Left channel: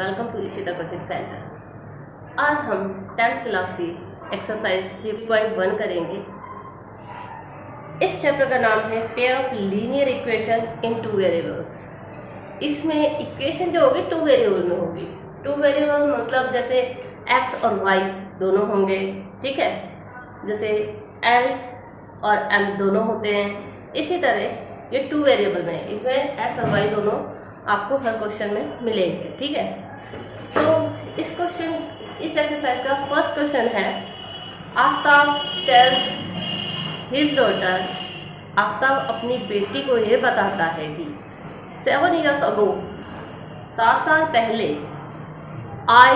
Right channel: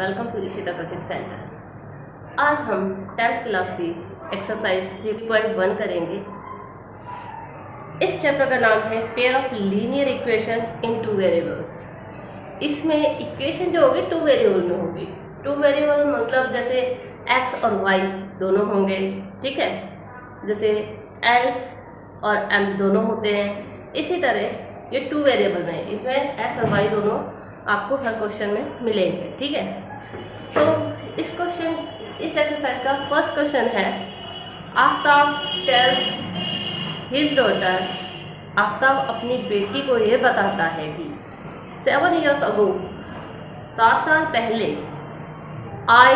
Welcome to Rishita coaching centre. आज हम 10th class की एक्सरसाइज 3.1 करेंगे। इस चैप्टर का नाम है pair of linear equation in two variables. इसमें इक्वेशन जो होगी 2 वेरिएबल में होगी। 2 वेरिएबल मतलब जैसे x और y दोनों होंगे, ठीक है, जैसे l और m दोनों होते हैं। इसी तरह ये 2 वेरिएबल में, इसमें x और y दोनों आपको हर क्वेश्चन में मिलेंगे, ठीक है। तो इस एक्सरसाइज का फर्स्ट क्वेश्चन है, Aftab tales his daughter, Aftab अपनी बेटी को ये बताता है कि 7 years ago, 7 साल पहले, I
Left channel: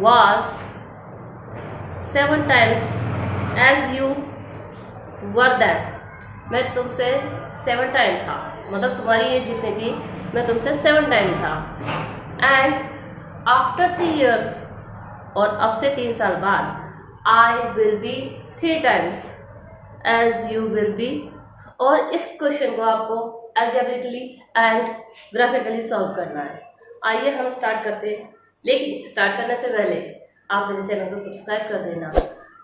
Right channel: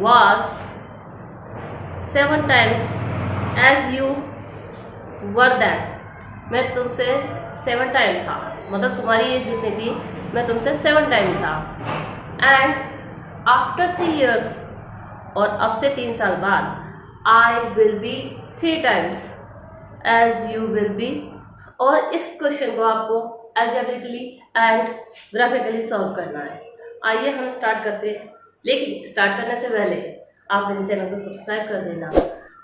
was 7 times as you were that, मैं तुमसे 7 टाइम था, मतलब तुम्हारी एज जितनी थी मैं तुमसे 7 टाइम था। एंड आफ्टर 3 years, और अब से 3 साल बाद, I will be 3 times as you will be. और इस क्वेश्चन को आपको अलजेब्रिकली एंड ग्राफिकली सॉल्व करना है। आइए हम स्टार्ट करते हैं, लेकिन स्टार्ट करने से पहले आप मेरे चैनल को सब्सक्राइब कर देना,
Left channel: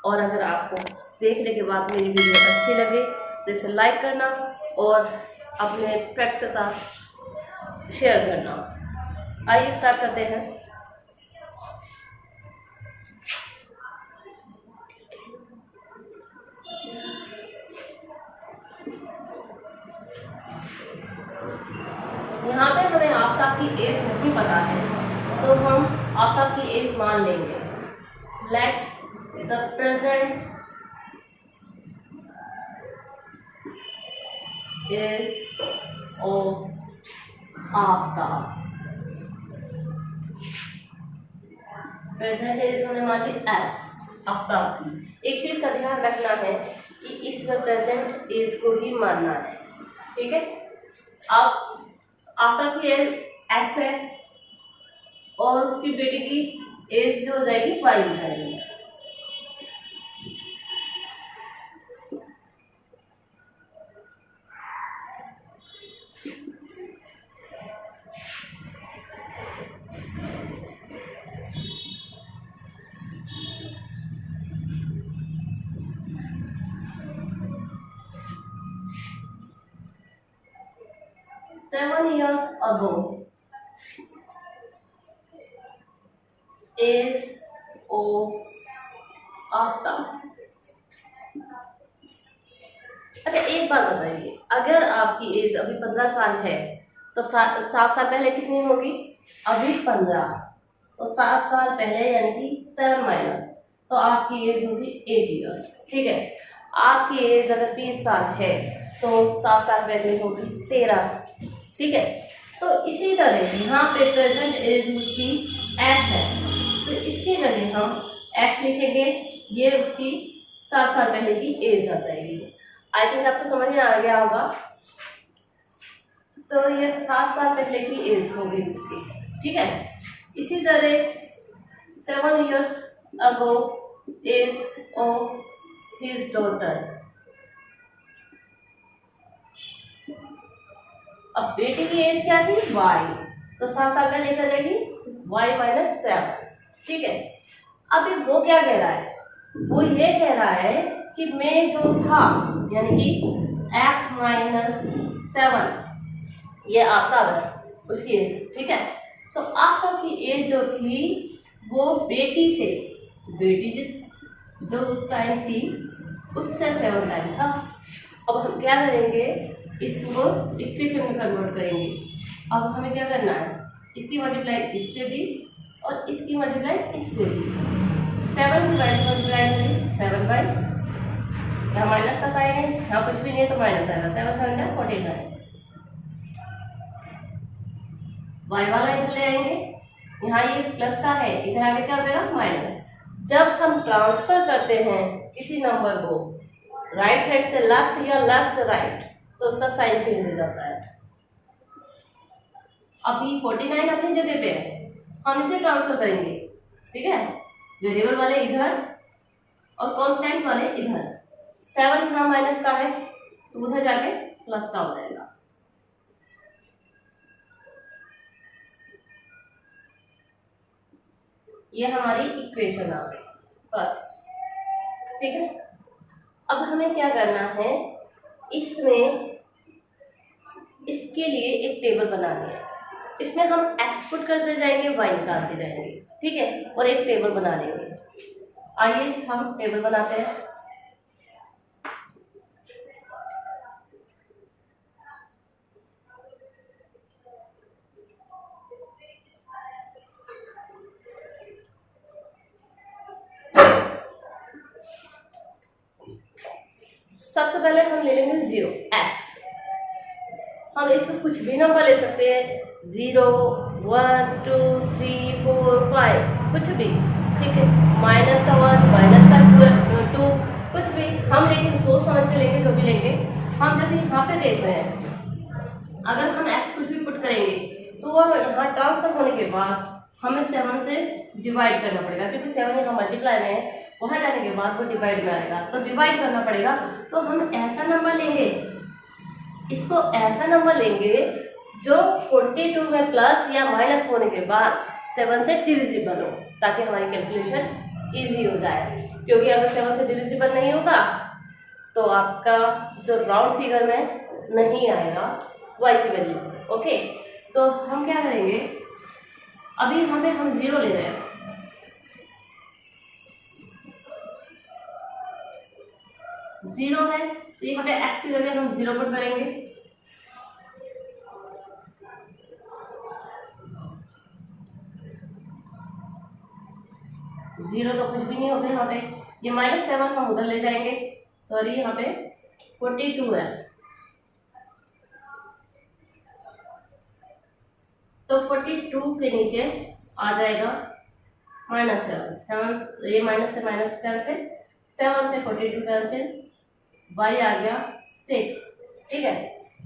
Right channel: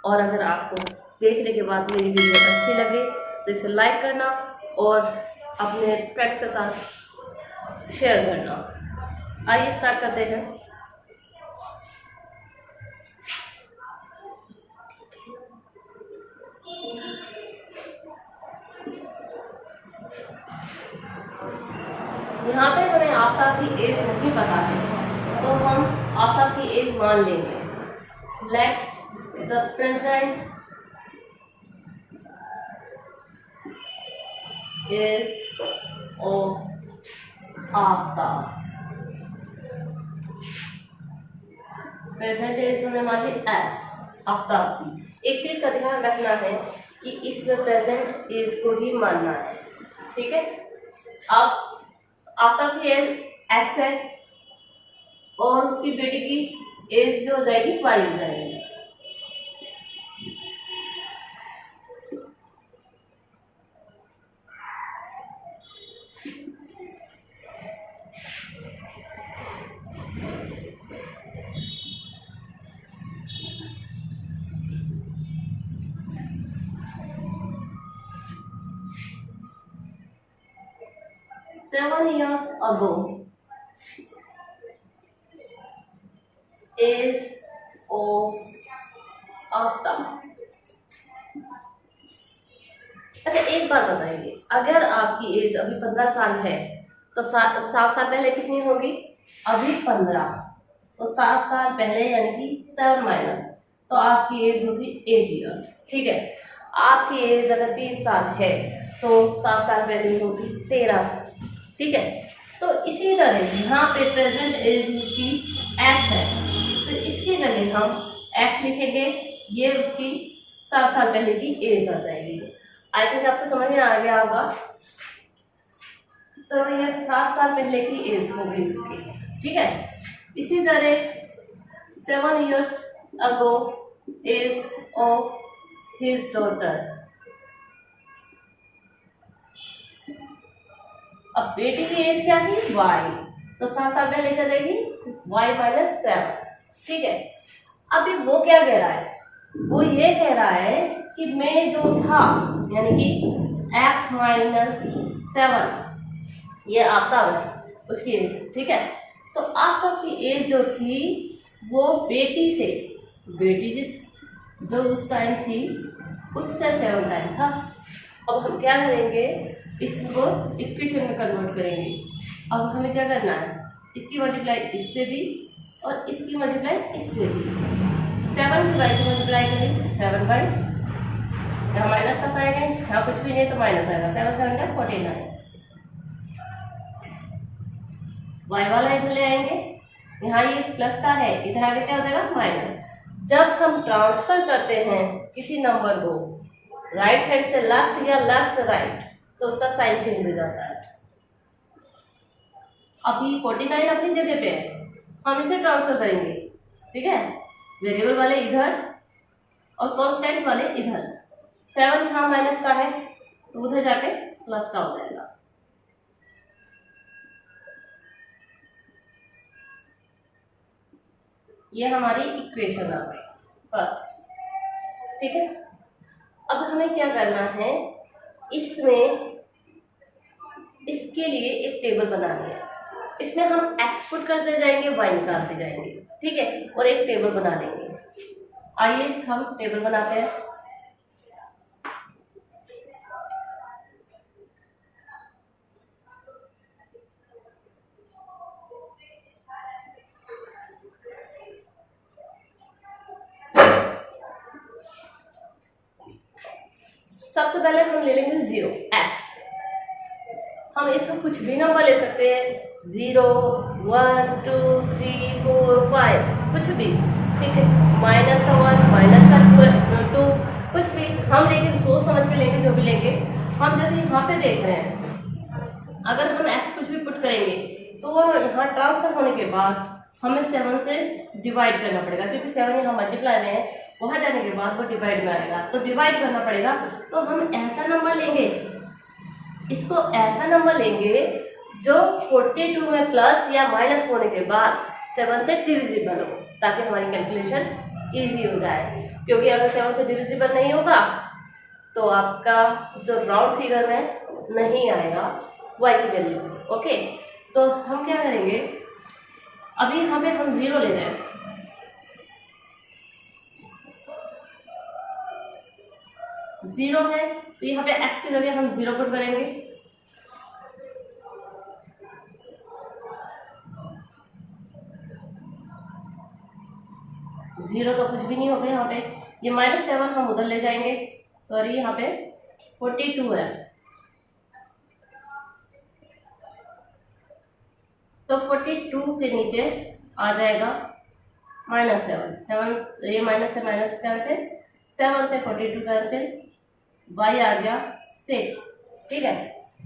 और अगर आपको देखने के बाद मेरी वीडियो अच्छी लगे तो इसे लाइक करना और अपने फ्रेंड्स के साथ शेयर करना। आइए स्टार्ट करते हैं। यहाँ पे हमें आफ्ताब की एज नहीं पता है, तो हम आफ्ताब की एज मान लेंगे। Let the present age of Aftab, present age हमने मान ली एस आफ्ताब की। एक चीज का ध्यान रखना है कि इसमें प्रेजेंट एज को ही मानना है, ठीक है। अब आफ्ताब की एज एक्स है और उसकी बेटी की एज जो हो जाएगी वाई हो जाएगी। Seven years ago, age of Aftab. अच्छा, एक बात बताइए, अगर आपकी एज अभी 15 साल है तो 7 साल पहले कितनी होगी? अभी 15, तो 7 साल पहले यानी कि 7 माइनस, तो आपकी एज होगी 8 years, ठीक है। आपकी एज अगर 20 साल है तो 7 साल पहले होगी 13, ठीक है। तो इसी तरह यहाँ पे प्रेजेंट एज उसकी x है, तो इसकी जगह हम x लिखेंगे, ये उसकी 7 साल पहले की एज आ जाएगी। आई थिंक आपको समझ में आ गया होगा। तो ये 7 साल पहले की एज होगी उसकी, ठीक है। इसी तरह 7 years ago age of his daughter. अब बेटी की एज क्या थी? y, तो 7 साल पहले क्या जाएगी? y माइनस 7, ठीक है। अभी वो क्या कह रहा है? वो ये कह रहा है कि मैं जो था, यानी कि x माइनस 7, ये आफ्ताब है, उसकी एज, ठीक है। तो आफ्ताब की एज जो थी वो बेटी से, बेटी जो उस टाइम थी उससे 7 टाइम था। अब हम क्या करेंगे? इसको इक्वेशन में कन्वर्ट करेंगे। अब हमें क्या करना है? इसकी मल्टीप्लाई इससे भी और इसकी मल्टीप्लाई इससे भी। 7 की बाई से मल्टीप्लाई करेंगे, 7 बाई, यहाँ माइनस का साइन है, यहाँ कुछ भी नहीं तो माइनस आएगा, 7 7 का 49। वाई वाला इधर ले आएंगे, यहाँ ये प्लस का है, इधर आगे क्या हो जाएगा? माइनस। जब हम ट्रांसफर करते हैं किसी नंबर को राइट हैंड से लेफ्ट या लेफ्ट से राइट, तो उसका साइन चेंज हो जाता है। अभी 49 अपनी जगह पे है, हम इसे ट्रांसफर करेंगे, ठीक है। वेरिएबल वाले इधर और कांस्टेंट वाले इधर। 7 यहाँ माइनस का है तो उधर जाके प्लस का हो जाएगा। ये हमारी इक्वेशन आ गई फर्स्ट, ठीक है। अब हमें क्या करना है, इसमें इसके लिए एक टेबल बनानी है। इसमें हम एक्स पुट करते जाएंगे, वाई निकालते जाएंगे, ठीक है, और एक टेबल बना लेंगे। आइए हम टेबल बनाते हैं। सबसे पहले हम ले लेंगे 0 एक्स। हम इसमें कुछ भी नंबर ले सकते हैं, 0, 1, 2, 3, 4, 5, कुछ भी, ठीक है। माइनस का 1, माइनस का 2, कुछ भी हम लेकिन सोच समझ के लेंगे, जो भी लेंगे। हम जैसे यहाँ पे देख रहे हैं, अगर हम एक्स कुछ भी पुट करेंगे तो वो यहाँ ट्रांसफर होने के बाद हमें 7 से डिवाइड करना पड़ेगा, क्योंकि 7 यहाँ मल्टीप्लाई में है, वहाँ जाने के बाद वो डिवाइड में आएगा, तो डिवाइड करना पड़ेगा। तो हम ऐसा नंबर लेंगे, इसको ऐसा नंबर लेंगे जो 42 में प्लस या माइनस होने के बाद 7 से डिविजिबल हो, ताकि हमारी कैलकुलेशन इजी हो जाए। क्योंकि अगर 7 से डिविजिबल नहीं होगा तो आपका जो राउंड फिगर में नहीं आएगा वाई की वैल्यू, ओके। तो हम क्या करेंगे, अभी यहाँ पे हम 0 ले रहे हैं, 0 है तो यहाँ पे x की जगह हम 0 पुट करेंगे। जीरो तो कुछ भी नहीं होगा यहाँ पे, ये -7 हम उधर ले जाएंगे, सॉरी यहाँ पे 42 है, तो 42 के नीचे आ जाएगा -7, ये माइनस से माइनस कैंसिल, 7 से 42 कैंसिल, y आ गया 6, ठीक है।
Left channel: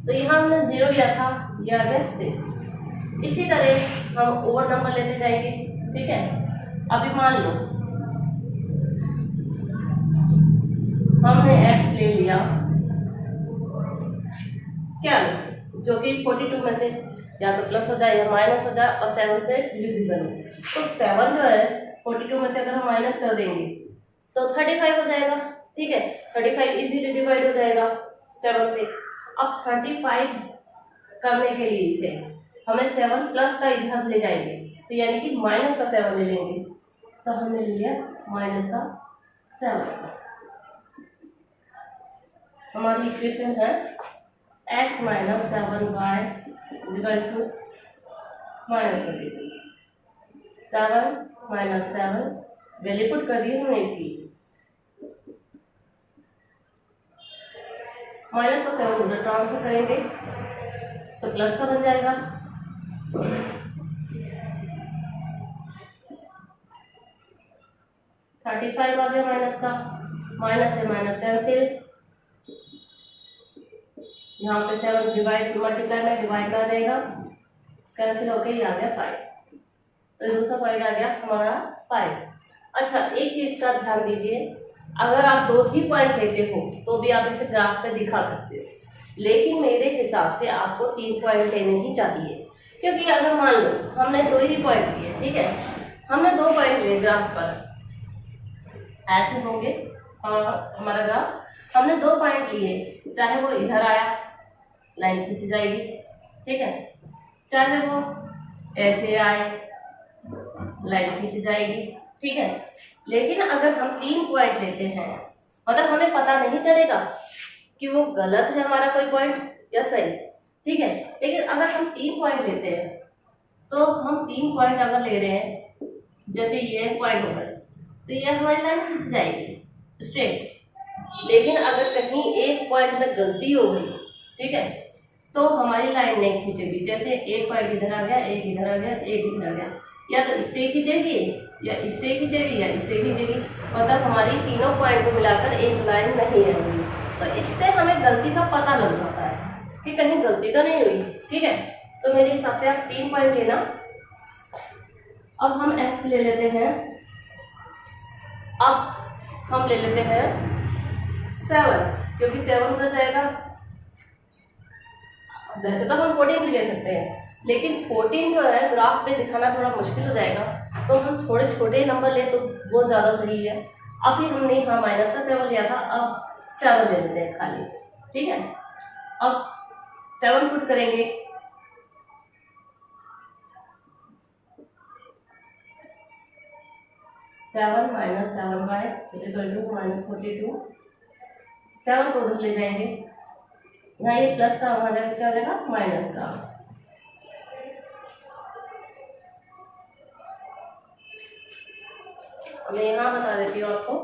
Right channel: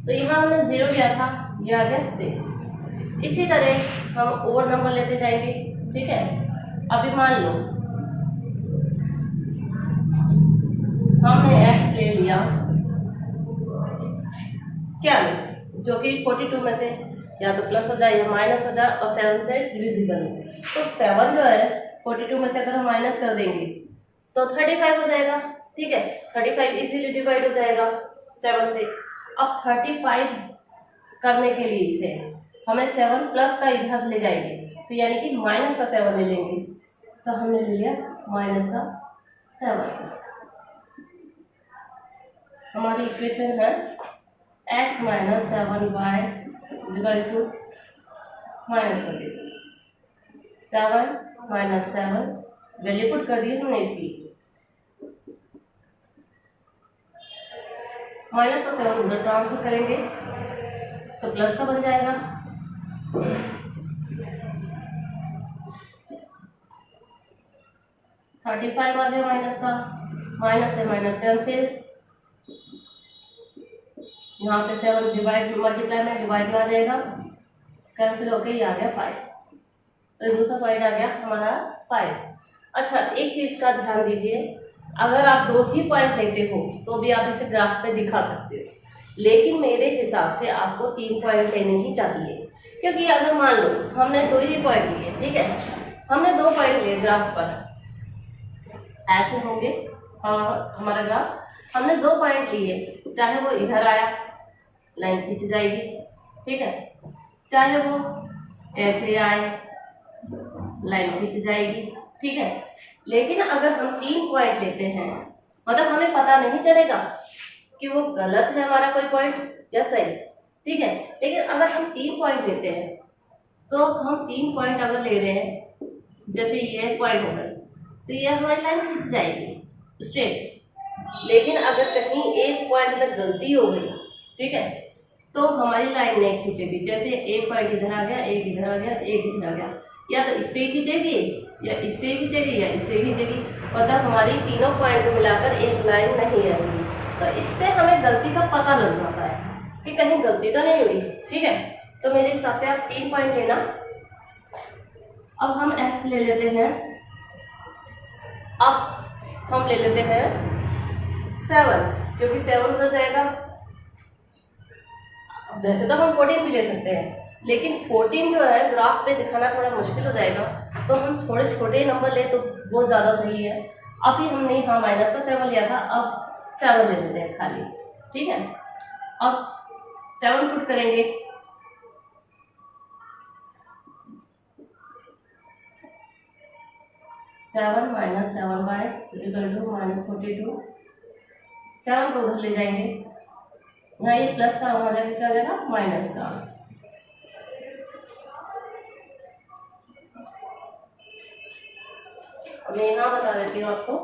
तो यहाँ हमने 0 लिया था, ये आ गया 6। इसी तरह हम और नंबर लेते जाएंगे, ठीक है। अभी मान लो हमने x ले लिया, क्या ले, जो कि 42 में से या तो प्लस हो जाए या माइनस हो जाए और 7 से डिविजिबल हो। तो 7 जो है 42 में से अगर हम माइनस कर देंगे तो 35 हो जाएगा, ठीक है। 35 इजीली डिवाइड हो जाएगा 7 से। अब 35 करने के लिए इसे हमें 7 प्लस का इधर ले जाएंगे, तो यानी कि माइनस का 7 ले लेंगे, तो हमने ले लिया माइनस का 7। हमारी इक्वेशन है x - 7y = -42। 7 - 7 वैल्यू पुट कर दी हमने इसकी, माइनस का 7 उधर ट्रांसफर करेंगे तो प्लस का बन जाएगा, 35 आ गया माइनस का, माइनस से माइनस कैंसिल, यहाँ पे 7 डिवाइड मल्टीप्लाई में डिवाइड में आ जाएगा, कैंसिल होके ये आ गया 5, तो दूसरा पॉइंट आ गया हमारा 5। अच्छा, एक चीज़ का ध्यान दीजिए, अगर आप 2 ही पॉइंट लेते हो तो भी आप इसे ग्राफ पे दिखा सकते हो, लेकिन मेरे हिसाब से आपको 3 पॉइंट लेने ही चाहिए। क्योंकि अगर मान लो हमने 2 ही पॉइंट लिए, ठीक है, हमने 2 पॉइंट लिए ग्राफ पर, ऐसे होंगे हमारा ग्राफ, हमने 2 पॉइंट लिए, चाहे वो इधर आया लाइन खींच जाएगी, ठीक है, चाहे वो ऐसे आए लाइन खींच जाएगी, ठीक है। लेकिन अगर हम 3 पॉइंट लेते हैं, मतलब हमें पता नहीं चलेगा कि वो गलत है हमारा कोई पॉइंट या सही, ठीक है। लेकिन अगर हम 3 पॉइंट लेते हैं, तो हम 3 पॉइंट अगर ले रहे हैं, जैसे ये पॉइंट हो गए, तो ये हमारी लाइन खींच जाएगी स्ट्रेट। लेकिन अगर कहीं एक पॉइंट में गलती हो गई, ठीक है, तो हमारी लाइन नहीं खींचेगी। जैसे एक पॉइंट इधर आ गया, एक इधर आ गया, एक इधर आ गया, या तो इससे खींचेगी या इससे खींचेगी या इससे खींचेगी, मतलब हमारी तीनों पॉइंट को मिलाकर एक लाइन नहीं आएगी। तो इससे हमें गलती का पता लग जाता है कि कहीं गलती तो नहीं हुई, ठीक है। तो मेरे हिसाब से आप 3 पॉइंट लेना। अब हम x ले लेते हैं, अब हम ले लेते हैं 7, क्योंकि 7 उधर जाएगा। वैसे तो हम 14 भी ले सकते हैं, लेकिन 14 जो है ग्राफ पे दिखाना थोड़ा मुश्किल हो जाएगा, तो हम थोड़े छोटे नंबर ले तो वो ज़्यादा सही है। अभी हमने यहाँ माइनस का 7 लिया था, अब 7 ले लेते हैं खाली, ठीक है। अब 7 पुट करेंगे, 7 माइनस 7y इजिकल टू -42। 7 को उधर ले जाएंगे, यहाँ ये प्लस का वहाँ जाएगा, क्या हो जाएगा माइनस का। मैं यहाँ बता देती हूँ आपको,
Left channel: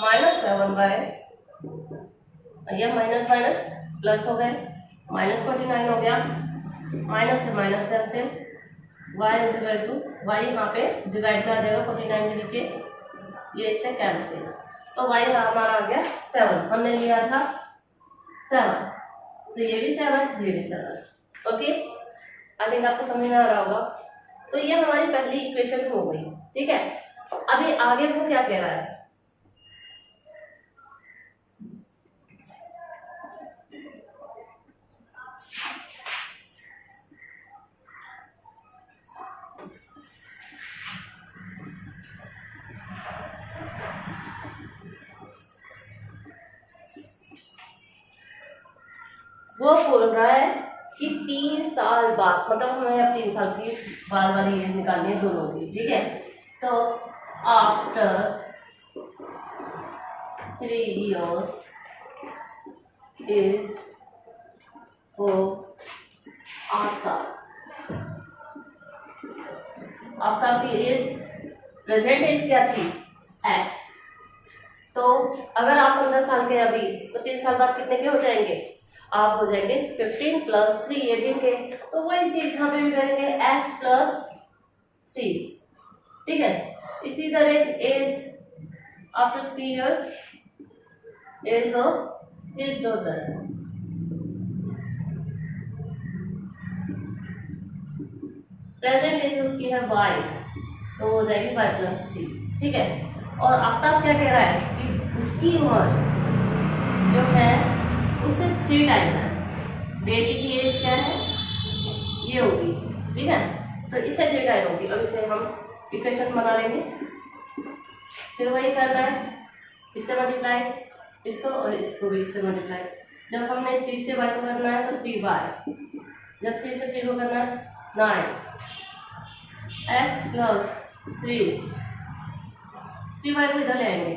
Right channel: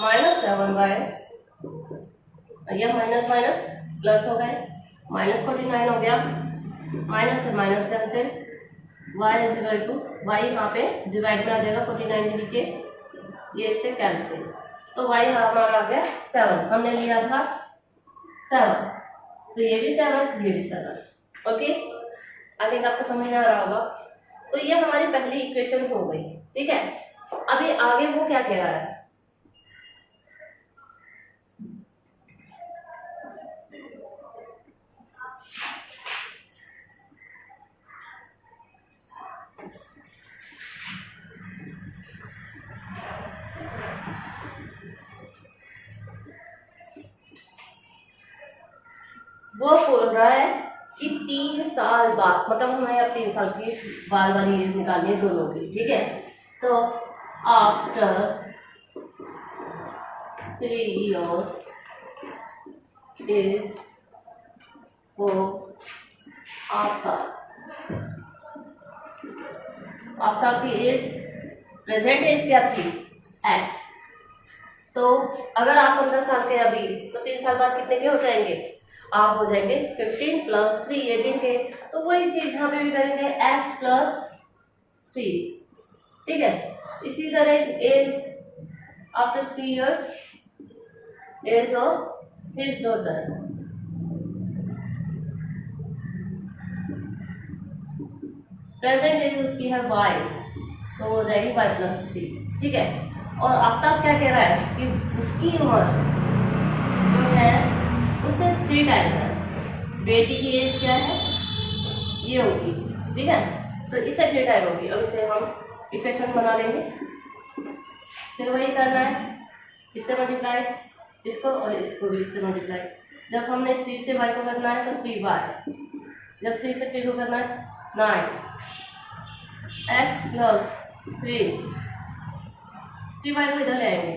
-7y, यह माइनस माइनस प्लस हो गए, -49 हो गया, माइनस से minus cancel, y is equal to y यहाँ पे डिवाइड में आ जाएगा 49 के नीचे, ये इससे कैंसिल, तो y हमारा आ गया 7, हमने लिया था 7, तो ये भी 7, ये भी 7। ओके, आई थिंक आपको समझ में आ रहा होगा। तो ये हमारी पहली इक्वेशन हो गई, ठीक है। अभी आगे वो क्या कह रहा है, वो बोल रहा है कि 3 साल बाद, मतलब हमें अब 3 साल की बाद वाली एज निकालनी है दोनों की, ठीक है। तो आफ्टर 3 years इज वो आफ्टर की एज, प्रेजेंट एज क्या थी x, तो अगर आप 15 साल के अभी, तो 3 साल बाद कितने के हो जाएंगे, आप हो जाएंगे 15 + 3 18 के। तो वही चीज यहाँ पे भी करेंगे x + 3, ठीक है। इसी तरह age after 3 years age of his daughter, present age उसकी है y, तो हो जाएगी y + 3, ठीक है। और आफ्टर क्या कह रहा है कि उसकी उम्र जो है उससे 3 टाइम है, बेटी की एज क्या है ये होगी, ठीक है, तो इससे 3 टाइम होगी। अब इसे हम इक्वेशन बना लेंगे, फिर वही करना है, इससे मल्टीप्लाई, इसको और इसको भी इससे मल्टीप्लाई। जब हमने 3 से y को करना है तो 3y, जब 3 से 3 को करना है 9, x + 3y को इधर ले आएंगे,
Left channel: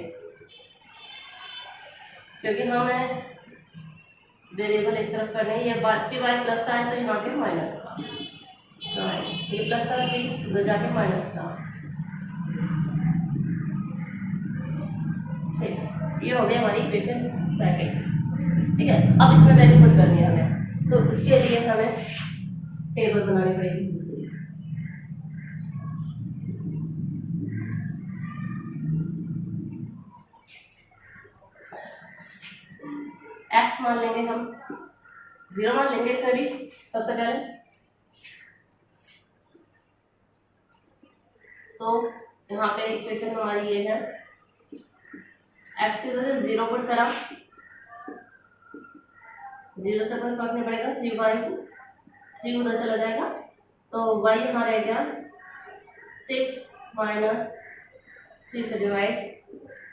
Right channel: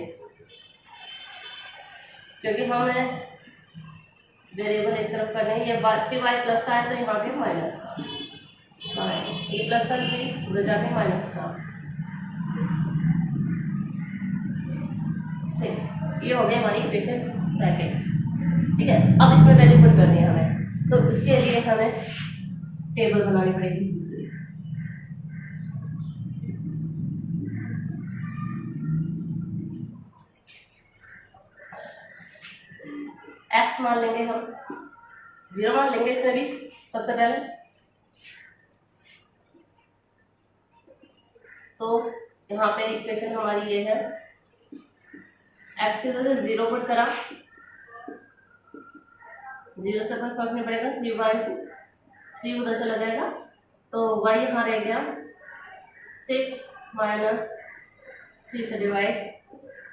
क्योंकि हमें वेरिएबल एक तरफ करना है, ये 3y प्लस का है तो यहाँ के माइनस का, ये प्लस का 3 उधर जाके माइनस का 6, ये हो गया हमारी इक्वेशन सेकंड, ठीक है। अब इसमें वैल्यू पुट करनी है हमें, तो उसके लिए हमें टेबल बनानी पड़ेगी दूसरी। x मान लेंगे हम, 0 मान लेंगे इसमें भी सबसे पहले, तो यहाँ पे इक्वेशन हमारी ये है, x की वजह से 0 पुट करा, 0 से कोई फर्क नहीं पड़ेगा, 3 उधर चला जाएगा, तो y यहाँ रह गया 6 - 3 से डिवाइड,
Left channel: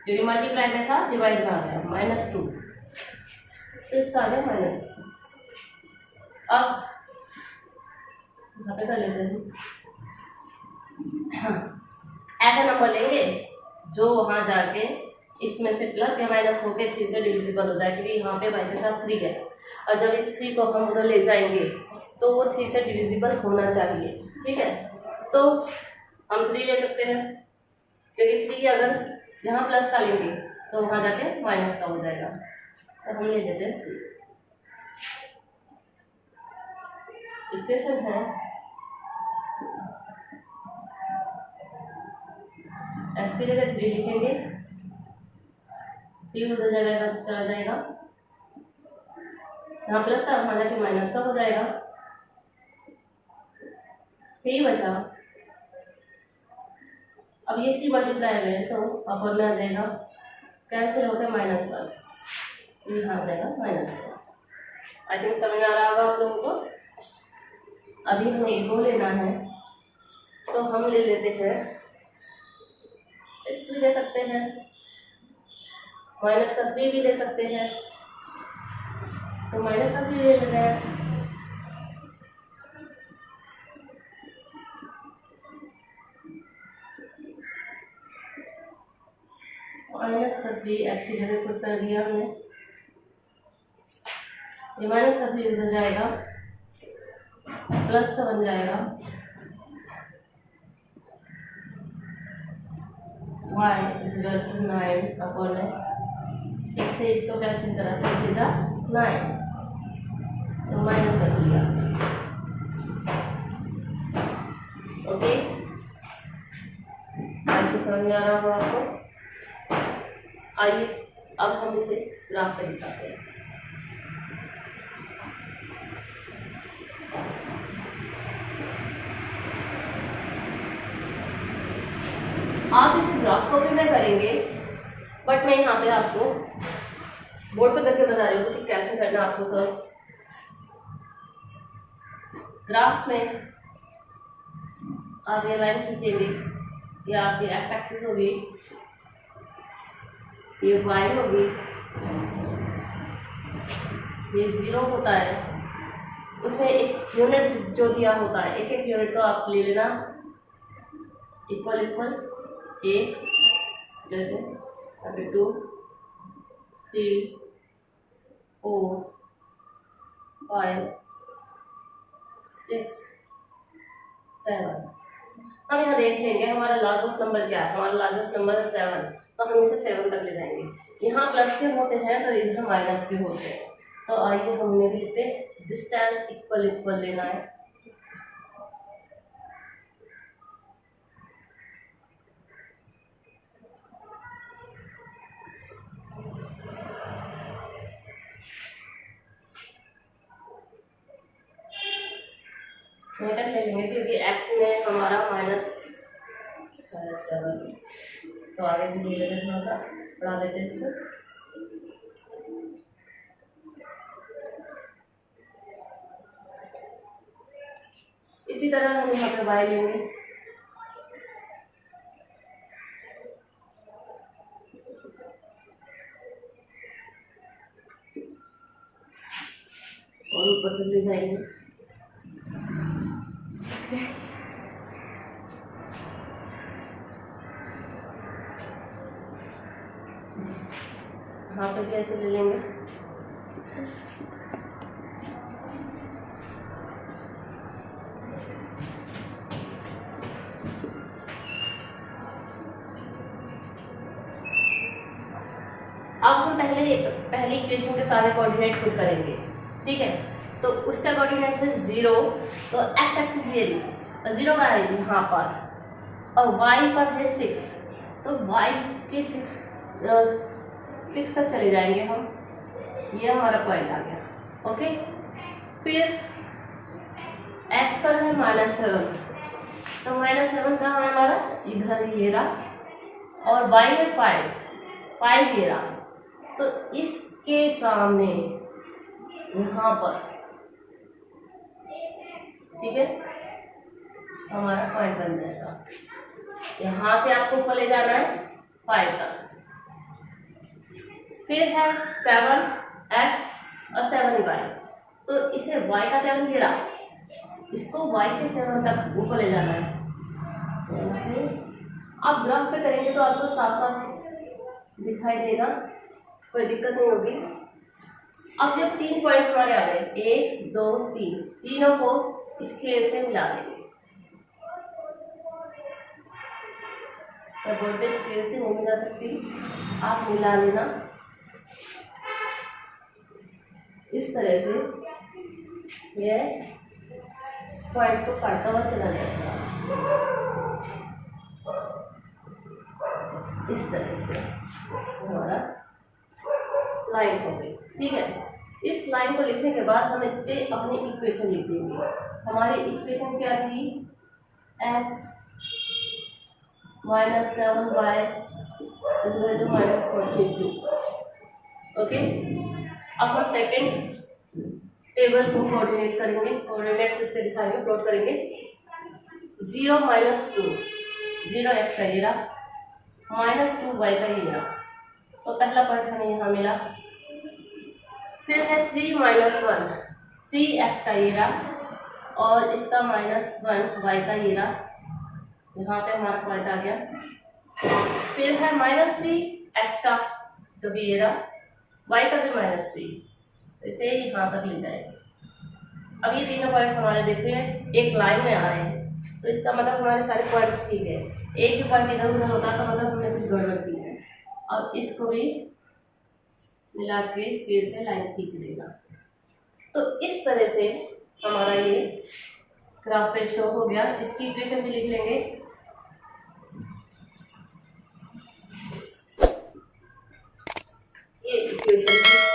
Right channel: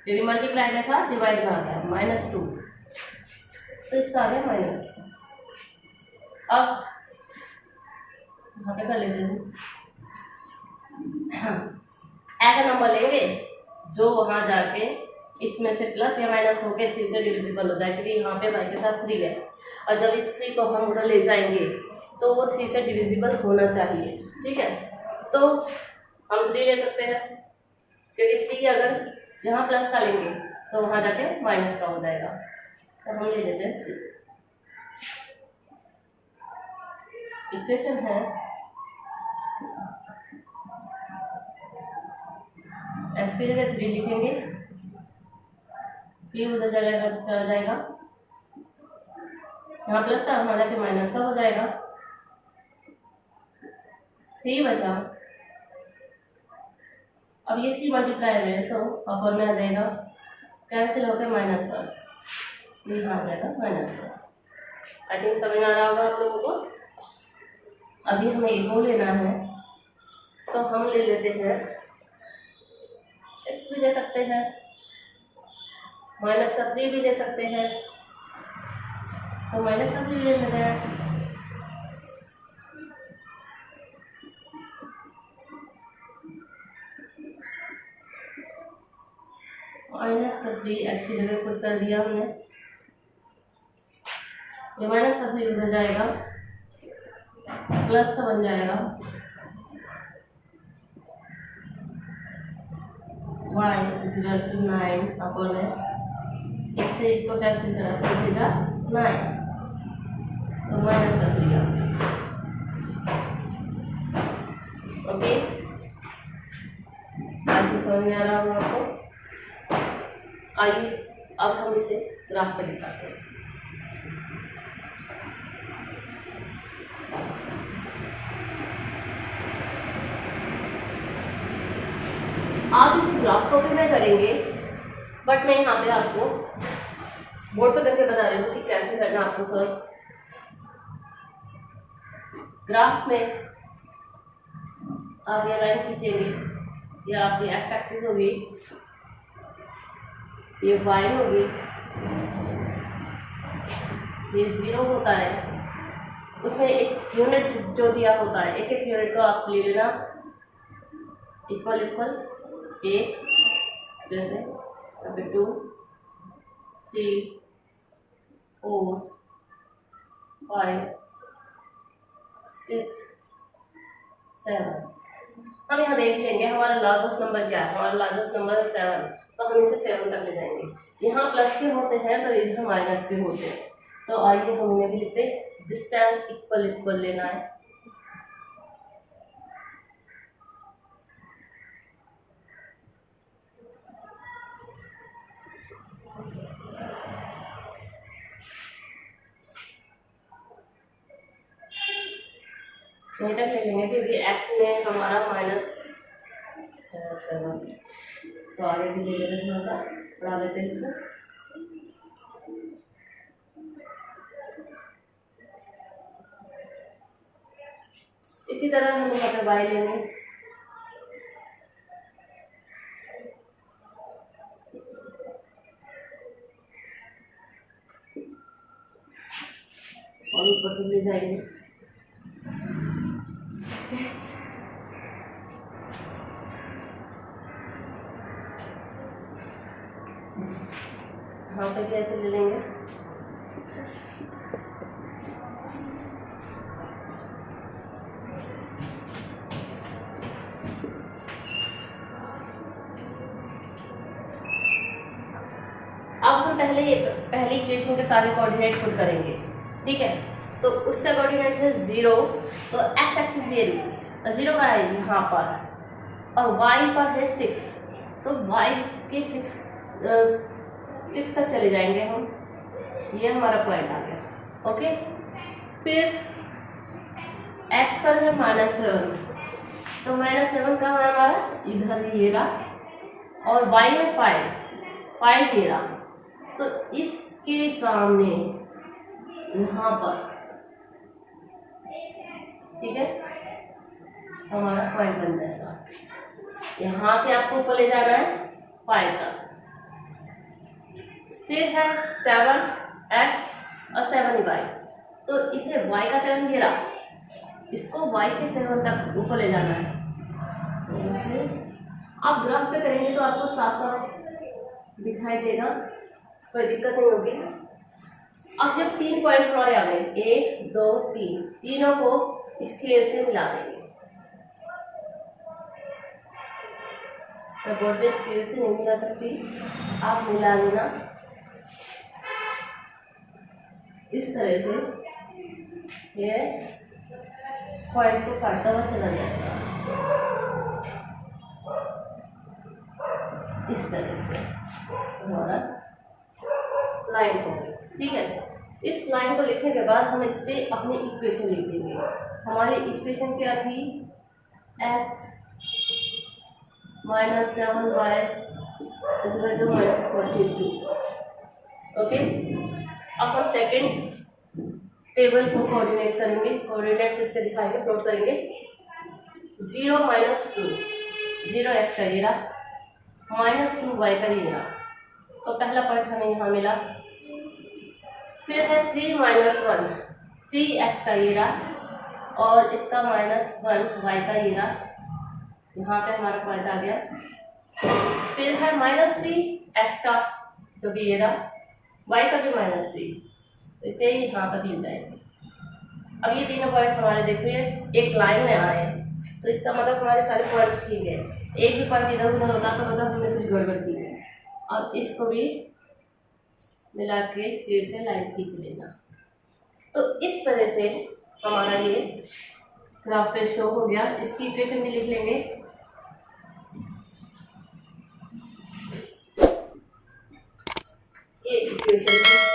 क्योंकि मल्टीप्लाई में था डिवाइड में आ गया -2, तो इसका आ गया -2। अब यहाँ पे कर लेते हैं, ऐसा नंबर लेंगे जो वहाँ जाके इसमें से प्लस या माइनस होके 3 से डिविजिबल हो जाए, क्योंकि यहाँ पे y के साथ 3 है, और जब इस 3 को हम उधर ले जाएंगे तो वो 3 से डिविजिबल होना चाहिए, ठीक है। तो हम 3 ले सकते हैं, क्योंकि 3 अगर यहाँ प्लस का लेंगे तो वहाँ जाके माइनस का हो जाएगा, तो हम ले लेते हैं 3। इक्वेशन है x की जगह 3 लिखेंगे, 3 उधर चला जाएगा, यहाँ प्लस का वहाँ जाके माइनस का हो जाएगा, 3 बचा। अब ये 3 मल्टीप्लाई में तो अपर में आ जाएगा, कैंसिल होकर -1, ये यहाँ आ जाएगा -1। आई थिंक समझ में आ रहा होगा आप लोगों को। अभी हमें इको लेना है, तो हम ले लेते हैं 6 भी ले सकते हैं, माइनस का 3 भी ले सकते हैं, तो माइनस का 3 ले लेते हैं। माइनस का 3 एक्स की जगह पुट कर दिया हमने, ये माइनस का 3 उधर जाएगा, प्लस का बन जाएगा y is equal to 9 upon में, इससे इसको कैंसिल करा तो 9, तो माइनस का 3 आ गया। ओके, आपको समझ में आ रहा होगा आपको। आइए अब हम इसे ग्राफ पर दिखाते हैं। आप इसे ग्राफ कॉपी में करेंगे, बट मैं यहाँ पे आपको बोर्ड पे करके बता रही हूँ कि कैसे करना आपको सॉल्व। ग्राफ में आप ये लाइन खींचेंगे, ये आपकी एक्स एक्सिस होगी, ये वाई होगी, ये 0 होता है, उसमें एक यूनिट जो दिया होता है, एक एक यूनिट को आप ले लेना, इक्वल इक्वल 1, जैसे अभी 2, 3, 4, 5, 6, 7। हम यहाँ देख लेंगे हमारा लार्जेस्ट नंबर क्या है। हमारा लार्जेस्ट नंबर है 7, तो हम इसे 7 तक ले जाएंगे। यहाँ प्लस के होते हैं तो इधर माइनस के होते हैं, तो आइए हम उन्हें भी लिखते हैं। डिस्टेंस इक्वल इक्वल लेना है, तक ले लेंगे क्योंकि एक्स में हमारा -7, तो आगे भी ले लेते हैं, थोड़ा सा बढ़ा लेते हैं इसको। इसी तरह हम यहाँ पे y लेंगे, और ऊपर तक ले जाएंगे। यहाँ पे भी ऐसे ले लेंगे, अब हम पहली इक्वेशन के सारे कोऑर्डिनेट पुट करेंगे, ठीक है। तो उसका कोऑर्डिनेट है 0, तो एक्स एक्सिस ये रही, 0 का है यहाँ पर, और y पर है 6, तो y के 6 तक चले जाएंगे हम, ये हमारा पॉइंट आ गया। ओके, फिर x पर है -7, तो -7 कहाँ है हमारा, इधर ये रहा, और y है 5 ये रहा, तो इसके सामने यहाँ पर, ठीक है, हमारा पॉइंट बन जाएगा। यहाँ से आपको ऊपर ले जाना है 5 तक, फिर है 7x और 7y, तो इसे y का 7 गिरा, इसको y के 7 तक ऊपर ले जाना है। ऐसे आप ग्राफ पे करेंगे तो आपको साफ साफ दिखाई देगा, कोई दिक्कत नहीं होगी। अब जब 3 पॉइंट्स हमारे आ गए, 1 2 3, तीनों को स्केल से मिला देंगे। बोर्ड पे स्केल से नहीं मिला सकती, आप मिला लेना इस तरह से, ये पॉइंट को काटता हुआ चला जाएगा इस तरह से, हमारा लाइन हो गई, ठीक है। इस लाइन को लिखने के बाद हम इस पे अपनी इक्वेशन लिख देंगे। हमारी इक्वेशन क्या थी, x -7y equal to -42। Okay, अब हम सेकंड टेबल को कोऑर्डिनेट करेंगे, कोऑर्डिनेट्स इसके दिखाएंगे, प्लॉट करेंगे। 0 - 2, 0 x का ये रहा, -2 y का ये रहा। तो पहला पॉइंट हमें यहाँ मिला। फिर है 3 - 1, 3x का ये रहा और इसका -1 y का ये रहा। यहाँ पे हमारा पॉइंट आ गया। फिर है -3x का जो कि ये रहा, y का भी -3, तो इसे यहाँ तक ले जाएंगे। अब ये तीनों पॉइंट्स हमारे देखिए एक लाइन में आ रहे हैं, तो इसका मतलब हमारे सारे पॉइंट्स ठीक है। एक भी पॉइंट इधर उधर होता तो मतलब हमने कुछ गड़बड़ की है। अब इसको भी मिला के स्पीड से लाइन खींच लेना। तो इस तरह से हमारा ये ग्राफ पे शो हो गया। इसकी इक्वेशन भी लिख लेंगे। ये इक्वेशन